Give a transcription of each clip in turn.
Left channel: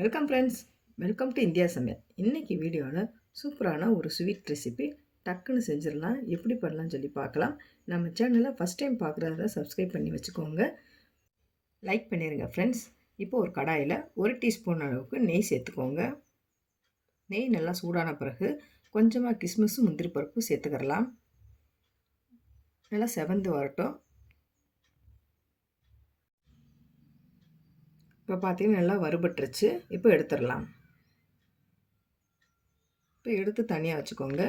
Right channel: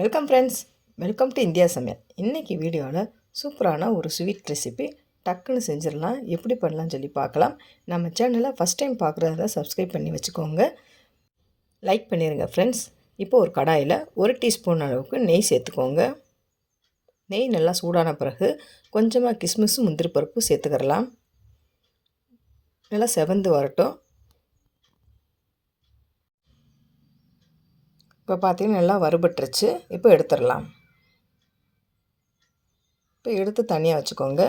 Welcome friends welcome to India சமையல் இன்றைக்கி வீடியோவில் சூப்பரான ஒரு ஸ்வீட் ரெசிபி டக்குன்னு செஞ்சிடலாம். எப்படி பண்ணலாம்னு சொல்லி பார்க்கலாம். நம்ம சேனலை ஃபஸ்ட் டைம் பார்க்குறத சப்ஸ்கிரைப் பண்ணி வச்சுக்கோங்க. லைக் பண்ணிடுங்க ஃப்ரெண்ட்ஸ் இப்போ ஒரு கடாயில் ஒரு டீஸ்பூன் அளவுக்கு நெய் சேர்த்துக்கோங்க. நெய் நல்லா சூடான பிறகு கொஞ்சமாக கிஸ்மிஸும் முந்திரி பருப்பு சேர்த்துக்கிறலாம். நல்லா செவந்து வரட்டும். இப்போ பார்த்தீங்கன்னா நல்லா வறுபட்டுருச்சு. இப்போ எடுத்துடலாம். இப்போ எடுத்து தனியாக வச்சுக்கோங்க.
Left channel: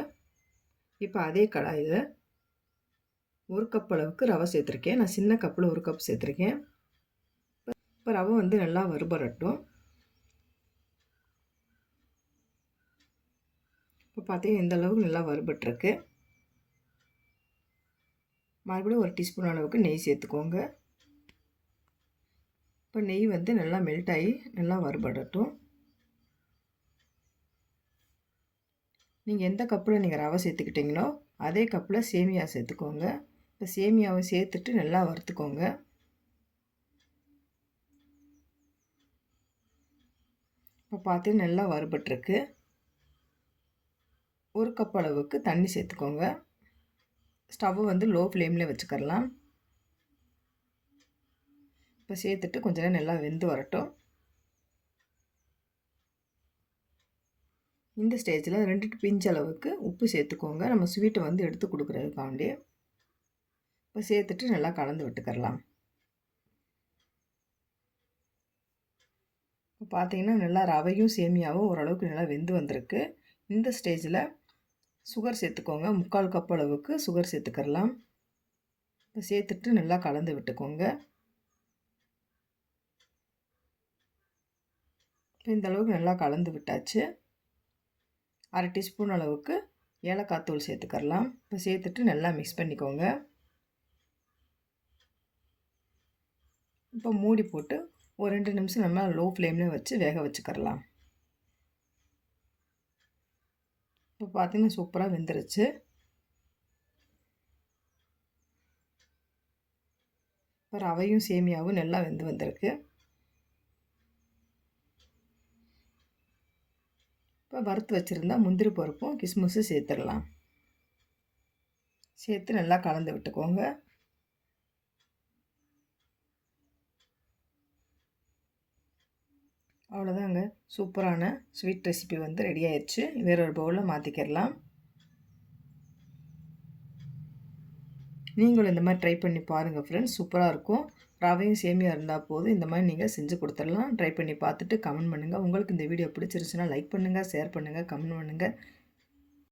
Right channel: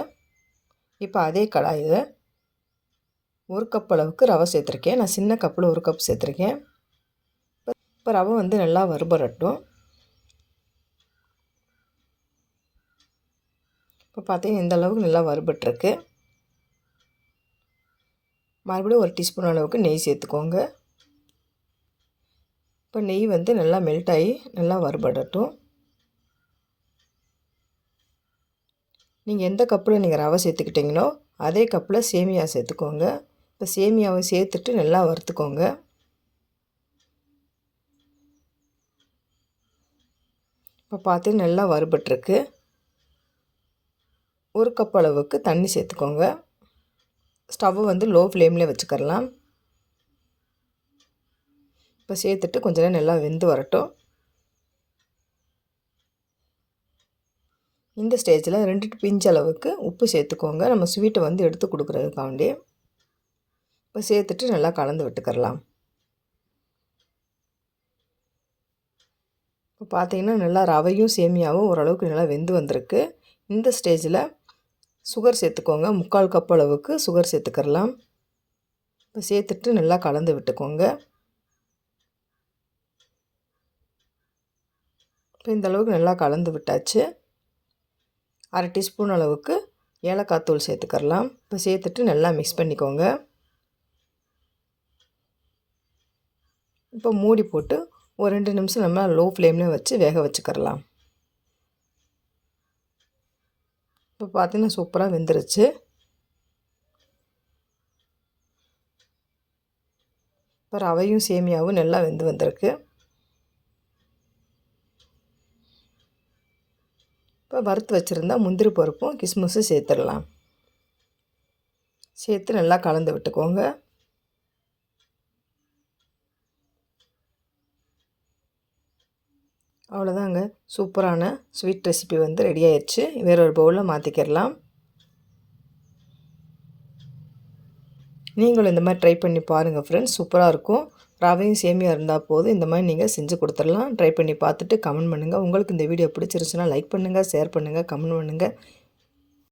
இப்போ அதே கடாயில் ஒரு கப் அளவுக்கு ரவை சேர்த்துருக்கேன். நான் சின்ன கப்பில் ஒரு கப் சேர்த்துருக்கேன். இப்போ ரவை வந்து நல்லா வறுபடட்டும். இப்போ பார்த்தீங்கன்னா இந்த அளவுக்கு நல்லா வறுபட்டுருக்கு. மறுபடியும் ஒரு டீஸ்பூன் அளவுக்கு நெய் சேர்த்துக்கோங்க. இப்போ நெய் வந்து நல்லா மெல்ட் ஆகி நல்லா வறுபடட்டும். நீங்கள் எந்த கப்பில் நீங்கள் ரவை சேர்த்துக்கிட்டிங்களோ அதே கப்பில் சேமியா சேர்த்துக்கோங்க. இப்போ சேமியாவை சேர்த்துட்டு நல்லா வறுத்துக்கோங்க. இப்போ பார்த்து நல்லா வறுபட்டுருக்கு. ஒரு கப் அளவுக்கு தண்ணி சேர்த்துக்கோங்க. ஸ்டவ்வை வந்து லோ ஃப்ளேமில் வச்சுக்கரலாம். இப்போ சேர்த்துட்டு கொஞ்ச நேரம் நல்லா வெந்து வரட்டும். இந்த ஸ்டேஜில் ரெண்டு பிஞ்ச் அளவுக்கு உப்பு சேர்த்துக்கோங்க. நம்ம ஸ்வீட்டை வந்து எடுத்து கொடுக்குறதுக்காண்டி. இப்போ சேர்த்துட்டு நல்லா கலந்து விட்டுக்கரலாம் இப்போ பார்த்தீங்கன்னா நல்லா ரவையும் சேமியாவும் ஓரளவுக்கு நல்லா வெந்து வந்திருக்கு. இந்த ஸ்டேஜில் சுகர் சேர்த்துக்கோங்க. முக்கால் கப் அளவுக்கு சுகர் சேர்த்துக்கரலாம் இப்போ சேர்த்துட்டு நல்லா கலந்து விட்டுக்கோங்க. இப்போ இந்த அளவுக்கு நல்லா கலந்து விட்டாச்சு. அரை டீஸ்பூன் அளவுக்கு ஏலக்காய் தூள் சேர்த்துக்கரலாம் இப்போ சேர்த்துட்டு நல்லா மிக்ஸ் பண்ணிக்கோங்க. இப்போ மூடி போட்டு ஒரு ரெண்டு நிமிஷம் நம்ம லோ ஃப்ளேமில் வச்சு வேக வச்சுக்கரலாம் இப்போ பார்த்தீங்கன்னா சூப்பராக வெந்துருச்சு. இப்போ ரவையும் சேமியாவும் நல்லா வெந்து வந்திருக்கு. இப்போ வறுத்து வச்சுருந்தா முந்திரி பருப்பும் கிஸ்மிஸும் சேர்த்துடலாம். சேர்த்து நல்லா கலந்து விட்டுக்கோங்க. அவ்வளோதாங்க. சூப்பரான ஸ்வீட் ரெசிபி வந்து ரெடி ஆயிடுச்சு. வேற ஒரு பவுலில் மாற்றிக்கிடலாம் நீங்களும் இந்த மாதிரி ட்ரை பண்ணி பாருங்கள் ஃப்ரெண்ட்ஸ் சூப்பராக இருக்கும். ரவையும் சேமியா இருந்தால் போதும். இந்த மாதிரி நீங்கள் செஞ்சு கொடுத்துடலாம். ட்ரை பண்ணி பார்த்துட்டு கமெண்ட் பண்ணுங்கள் உங்களுக்கு இந்த வீடியோ பிடிச்சிருச்சுன்னா லைக் பண்ணுங்கள் ஷேர் பண்ணுங்கள் கமெண்ட் பண்ணுங்கள்